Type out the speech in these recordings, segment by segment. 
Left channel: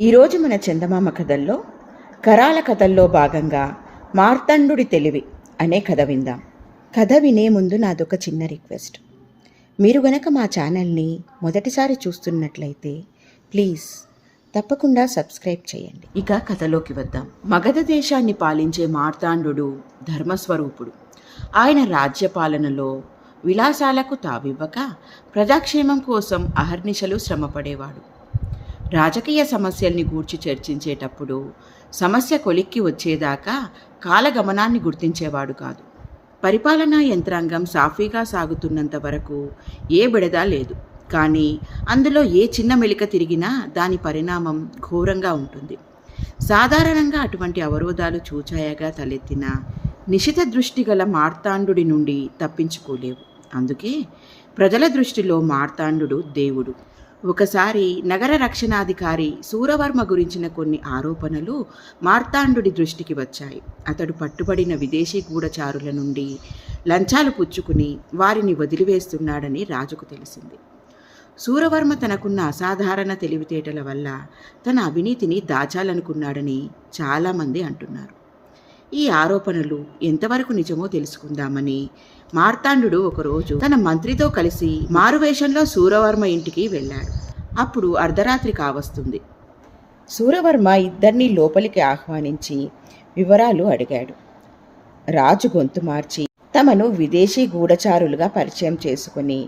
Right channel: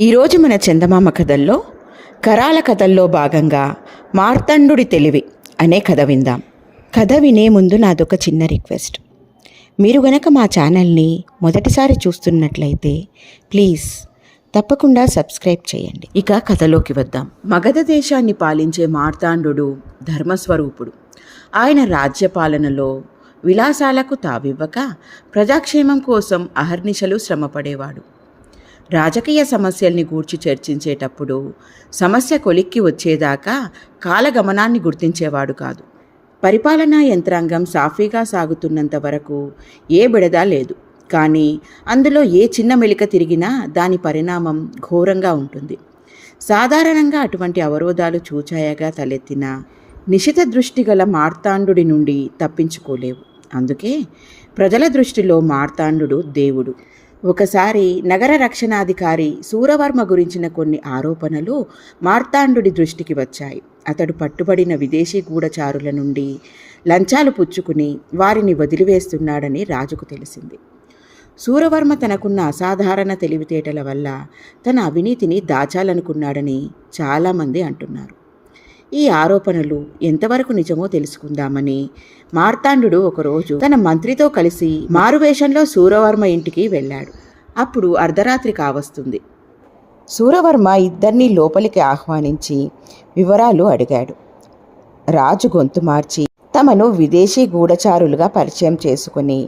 ఈరోజు మన చందమామ కథల్లో కరాల కథల్లో భాగంగా మార్తాండుడి తెలివి అనే కథ విందాం. కథ వినే ముందు నాదొక చిన్న రిక్వెస్ట్. మీరు గనక మా ఛానల్ని మొదటిసారి చూస్తున్నట్లయితే ప్లీజ్ తప్పకుండా సబ్స్క్రైబ్ చేయండి. ఇక కథలోకి వద్దాం. మగధ దేశాన్ని పాలించే మార్తాండు ధర్మస్వరూపుడు. ఆయన రాజ్యపాలనలో విలాసాలకు తావివ్వక ప్రజాక్షేమం కోసం అహర్నిశలు శ్రమపడేవాడు. రాజకీయ సమస్యల్ని గూర్చి చర్చించేటప్పుడు సమస్య కొలిక్కి వచ్చేదాకా కాలగమనాన్ని గుర్తించేవాడు కాదు. పరిపాలనా యంత్రాంగం సాఫీగా సాగుతున్నంత వరకు ఏ బిడదా లేదు. కానీ అందులో ఏ చిన్న మెలిక తిరిగినా దాని పరిణామం ఘోరంగా ఉంటుంది. సాధారణంగా అటువంటి అవరోధాలు చూచాయగా తలెత్తిన నిశిత దృష్టి గల మార్తాండుడి నుండి తప్పించుకోలేవు. అందుకే ప్రజల దృష్టిలో మార్తాండు దేవుడు. ఒకసారి నగర రక్షణాధికారి సూరవర్మ గురించిన కొన్ని ఆరోపణలు మార్తాండుడి దృష్టికి వచ్చాయి. అతడు పట్టుబడిన విదేశీ గూఢచారుల నుండి లంచాలు పుచ్చుకుని వారిని వదిలివేస్తున్నాడని రాజుకు తెలిసింది. సూరవర్మ తనకున్న అసాధారణ తెలివితేటల వల్ల తన అవినీతిని దాచాలనుకున్నాడని చాలామంది అంటున్నారు. ఈ ఆరోపణలు ఎంతవరకు నిజమో తెలుసుకుందామని మార్తాండు ఒకరోజు తన మంత్రితో కలిసి మారువేషంలో సూరవర్మ ఇంటికి వెళ్ళాడు. అప్పుడు అర్ధరాత్రి కావస్తుంది. సూరవర్మ ఇద్దరినీ లోపలికి ఆహ్వానించి వివరాలు అడిగాడు. రాజు గొంతు మార్చి తమను విదేశీ గూఢచారులుగా పరిచయం చేసుకుని,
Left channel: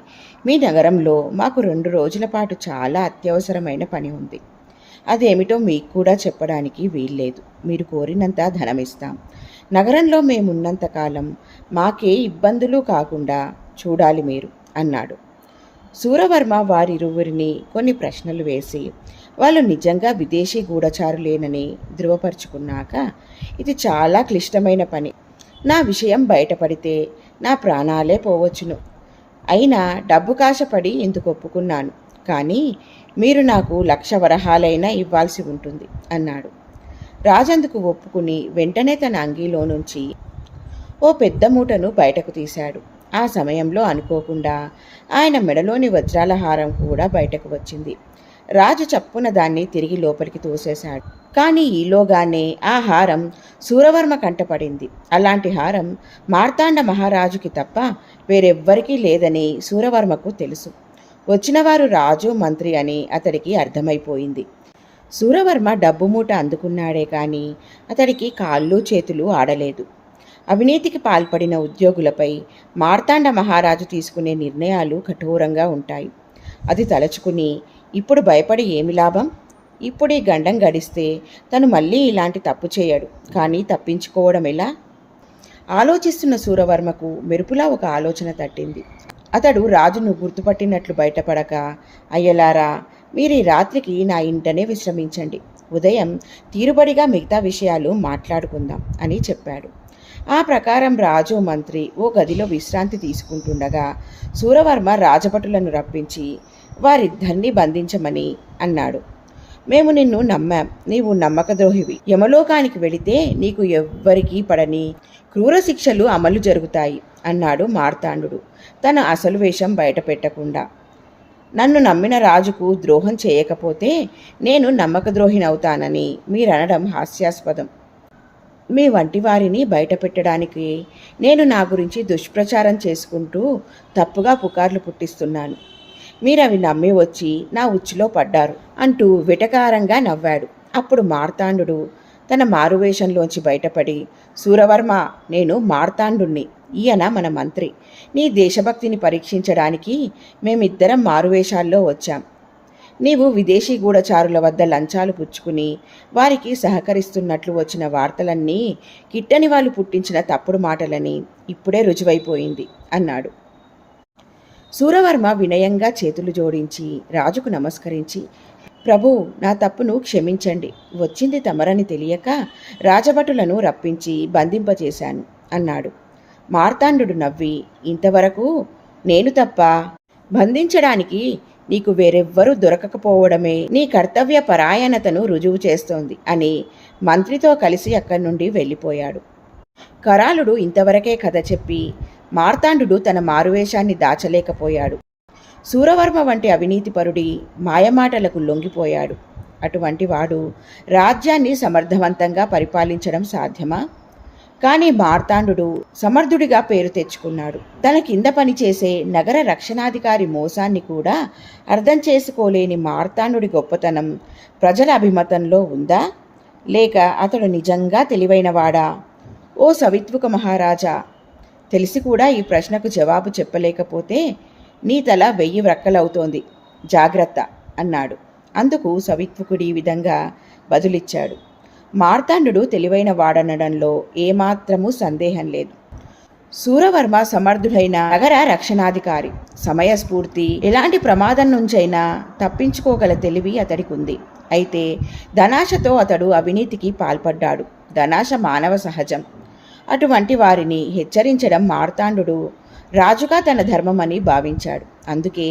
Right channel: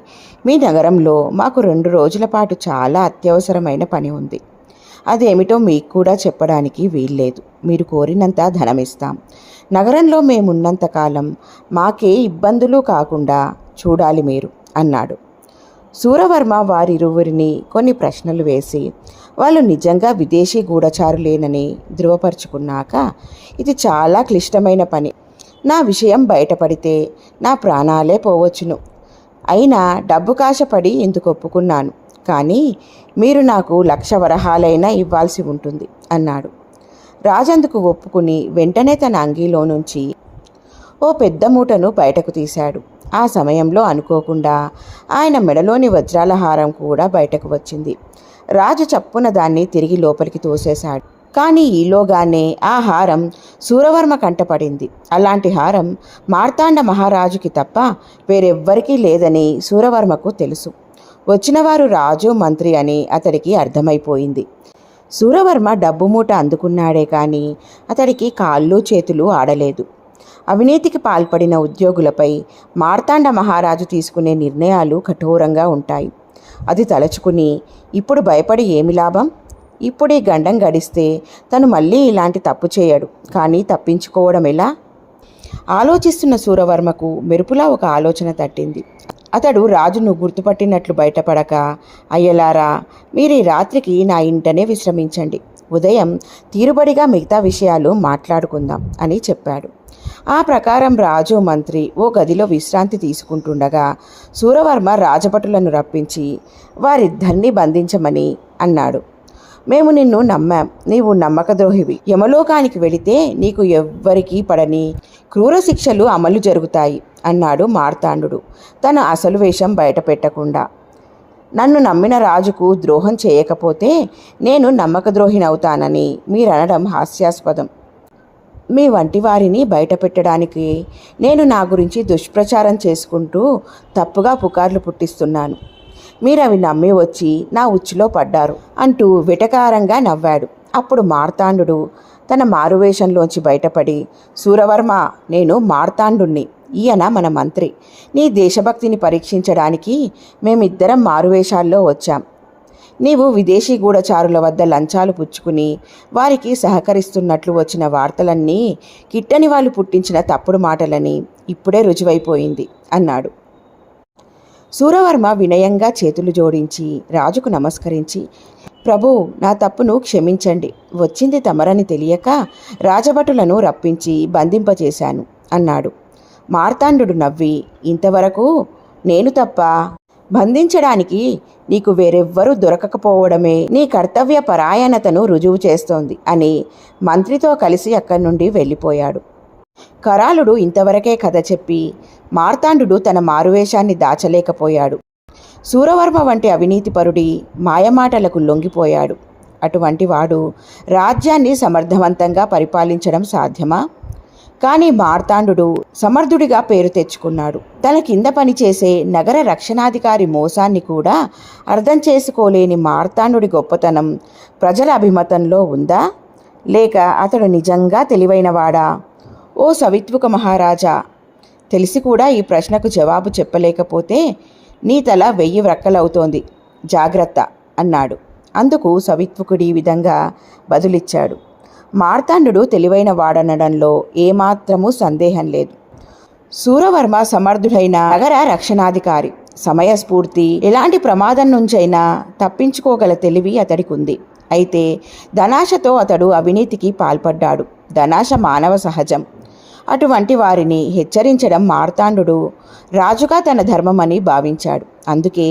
మీ నగరంలో మాకు 2 రోజుల పాటు చాలా అత్యవసరమైన పని ఉంది. అదేమిటో మీకు కూడా చెప్పడానికి వీల్లేదు. మీరు కోరినంత ధనమిస్తాం. నగరంలో మేమున్నంతకాలం మాకే ఇబ్బందులు కాకుండా చూడాలి మీరు అన్నాడు. సూరవర్మ వారిరువురిని కొన్ని ప్రశ్నలు వేసి వాళ్ళు నిజంగా విదేశీ గూఢచారులేనని ధృవపరుచుకున్నాక, ఇది చాలా క్లిష్టమైన పని. నా విషయం బయటపడితే నా ప్రాణాలే పోవచ్చును. అయినా డబ్బు కాశపడి ఇందుకు ఒప్పుకున్నాను. కానీ మీరు నాకు 1,00,000 వరహాలైనా ఇవ్వాల్సి ఉంటుంది అన్నాడు. రాజందుకు ఒప్పుకుని వెంటనే తన అంగీలో నుంచి ఓ పెద్ద మూటను బయటకు తీశాడు. ఆ సమయంలో అనుకోకుండా ఆయన మెడలోని వజ్రాల హారం కూడా బయటకు వచ్చింది. రాజు చప్పున దాన్ని తిరిగి లోపలికి తోసేశాడు. కానీ ఈలోగానే ఆ హారం సూరవర్మ కంటపడింది. అలాంటి హారం మార్తాండ మహారాజుకి తప్ప వేరెవ్వరికీ లేదని సూరవర్మకు తెలుసు. వచ్చినవారు రాజు మంత్రి అని అతడికి అర్థమైపోయింది. సూరవర్మ డబ్బు మూట అందుకున్నాడే కానీ అతడికి కాళ్ళు చేతులు ఆడలేదు. అవినీతికి పాల్పడిన ఉద్యోగులపై మార్తాండ మహారాజు తీసుకునే నిర్ణయాలు కఠోరంగా ఉంటాయి. అది తలచుకుని ఇప్పుడు భయపడి ఏమి లాభం? ఇప్పుడు ఈ గండం గడిస్తే తను మళ్ళీ ఇలాంటి తప్పు చేయడు. కానీ తప్పించుకోవడం ఎలా? ఆలోచిస్తున్న సూరవర్మకు మెరుపులా ఒక ఆలోచన తట్టింది. అతడు రాజును గుర్తుపట్టినట్లు బయటపడక, అయ్యలారా, మీరు ఈ రాత్రికి నా ఇంటనే విశ్రమించండి. ఉదయం తీరుబడిగా మిగతా విషయాలు మాట్లాడుకుందాం అని చెప్పాడు. ఆ ప్రకారం రాజు మంత్రి ఓ గదిలో విశ్రాంతి తీసుకుంటుండగా సూరవర్మ రాజభటులను రప్పించి వారిద్దరినీ బంధించమని అన్నాడు. మేము నిన్ను నమ్మాం. నీవు నమ్మకద్రోహివి. యమలోకానికి వెళితే నీకు ఎవ్వరికీ పడని క్రూర శిక్షలు అమలు జరుగుతాయి అన్నాడు మార్తాండు తన అసలు వేషం బయట పెట్టకుండా. నన్ను నమ్మిన రాజుకు ద్రోహం చేయకపోతే నేను నమ్మకద్రోహినవుతానని మీరనడం హాస్యాస్పదం. మీ వంటి వారిని బయట పెట్టడానికి నేను నా గురించి దుష్ప్రచారం చేసుకుంటూ తప్పుగా పుకార్లు పుట్టిస్తున్నాను. మీరవి నమ్మి వచ్చి నా ఉచ్చులో పడ్డారు అంటూ వెటకారంగా నవ్వాడు. అప్పుడు మార్తాండు తన మారువేషంలోంచి బయటపడి, సూరవర్మ, నేను మార్తాండుణ్ణి. ఈయన మన మంత్రి. నీ దేశభక్తిని పరీక్షించడానికి మేమిద్దరం మారువేషాల్లో వచ్చాం. నీవు విదేశీ గూఢచారుల వద్ద లంచాలు పుచ్చుకుని వారికి సహకరిస్తున్నట్లు వచ్చిన వార్తలన్నీ కిట్టని వాళ్ళు పుట్టించిన తప్పుడు మాటలని ఇప్పుడే రుజువైపోయింది అన్నాడు. సూరవర్మ వినయంగా చేతులు జోడించి రాజుకు నమస్కరించి, ప్రభు, నా తప్పును క్షమించండి. వచ్చింది తమరని తెలియక రాజభటులను రప్పించి బంధింపచేశాను అన్నాడు. మార్తాండు నవ్వి, ఇంతవరకు నేను తప్ప బంధించడానికి నీకు వేరెవ్వరూ దొరకకపోవడమే నీ కర్తవ్య పరాయణతను రుజువు చేస్తోంది అని మంత్రితో కలిసి అక్కడి నుండి వెళ్ళిపోయాడు. కరాలుడు ఇంతవరకే కథ చెప్పి మార్తాండు తన మారువేషాన్ని దాచలేకపోయాడు. సూరవర్మ వంటి అవినీతిపరుడి మాయమాటలకు లొంగిపోయాడు. అటువంటి వాడు రాజ్యాన్ని సమర్థవంతంగా పరిపాలించడం సాధ్యమా? కానీ మార్తాండు సమర్థుడిగా పేరు తెచ్చుకున్నాడు. తన కింద పనిచేసే నగర రక్షణాధికారి మోసాన్ని కూడా అర్థం చేసుకోలేని మార్తాండుడి గొప్పతనం ప్రజల అభిమతంలో ఉందా, లేక అతడు నిజంగా తెలివైనవాడా? ఓ సవిత్వక మహారాజా, తెలిసి కూడా ఈ ప్రశ్నకు జవాబు చెప్పలేకపోతే నీ తల 1000 వ్రక్కలవుతోంది, జాగ్రత్త అన్నాడు. అందుకు సవిత్వకుడి ఈ విధంగా బదులిచ్చాడు. మార్తాండు తెలివైన వాడనడంలో ఏమాత్రమూ సందేహం లేదు. శూరవర్మ సమర్థుడైన నగర రక్షణాధికారి. సమయస్ఫూర్తి, ఎలాంటి ప్రమాదం నుంచైనా తప్పించుకోగల తెలివి అతడికి ఉంది. అయితే ధనాశతో అతడు అవినీతికి పాల్పడ్డాడు. ధనాశ మానవ సహజం. అటువంటి వారిని హెచ్చరించడం మార్తాండు రాజుగా తన ధర్మమని భావించాడు. అందుకే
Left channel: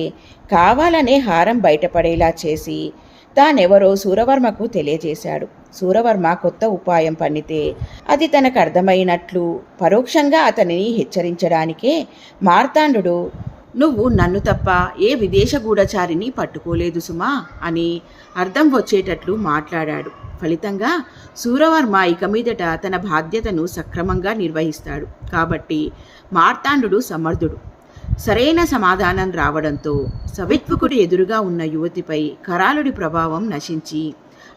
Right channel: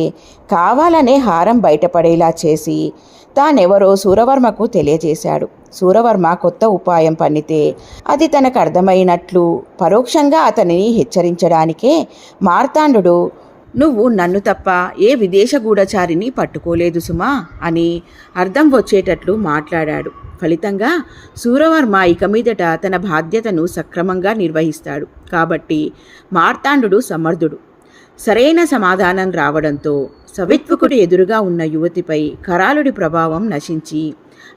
కావాలనే హారం బయటపడేలా చేసి తానెవరో శూరవర్మకు తెలియజేశాడు. శూరవర్మ కొత్త ఉపాయం పన్నితే అది తనకు అర్థమైనట్లు పరోక్షంగా అతనిని హెచ్చరించడానికే మార్తాండు నువ్వు నన్ను తప్ప ఏ విదేశ గూఢచారిని పట్టుకోలేదు సుమా అని అర్థం వచ్చేటట్లు మాట్లాడాడు. ఫలితంగా శూరవర్మ ఇక మీదట తన బాధ్యతను సక్రమంగా నిర్వహిస్తాడు. కాబట్టి మార్తాండు సమర్థుడు. సరైన సమాధానం రావడంతో సవిత్వకుడు ఎదురుగా ఉన్న యువతిపై కరాళుడి ప్రభావం నశించి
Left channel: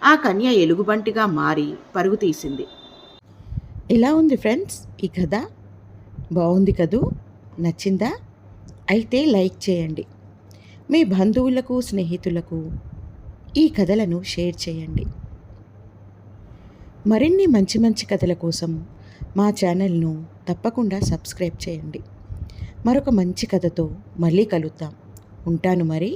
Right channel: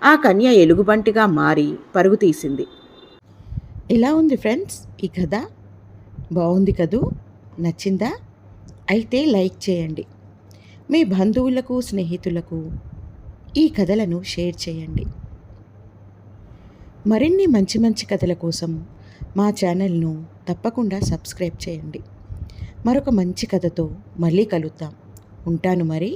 ఆ కన్య ఎలుగుబంటిగా మారి పరుగు తీసింది. ఇలా ఉంది ఫ్రెండ్స్ ఈ కథ. బాగుంది కదూ? నచ్చిందా? అయితే లైక్ చేయండి. మీ బంధువులకు, స్నేహితులకు ఈ కథలను షేర్ చేయండి. మరిన్ని మంచి మంచి కథల కోసం మా ఛానల్ను తప్పకుండా సబ్స్క్రైబ్ చేయండి. మరొక మంచి కథతో మళ్ళీ కలుద్దాం. ఉంటాను మరి.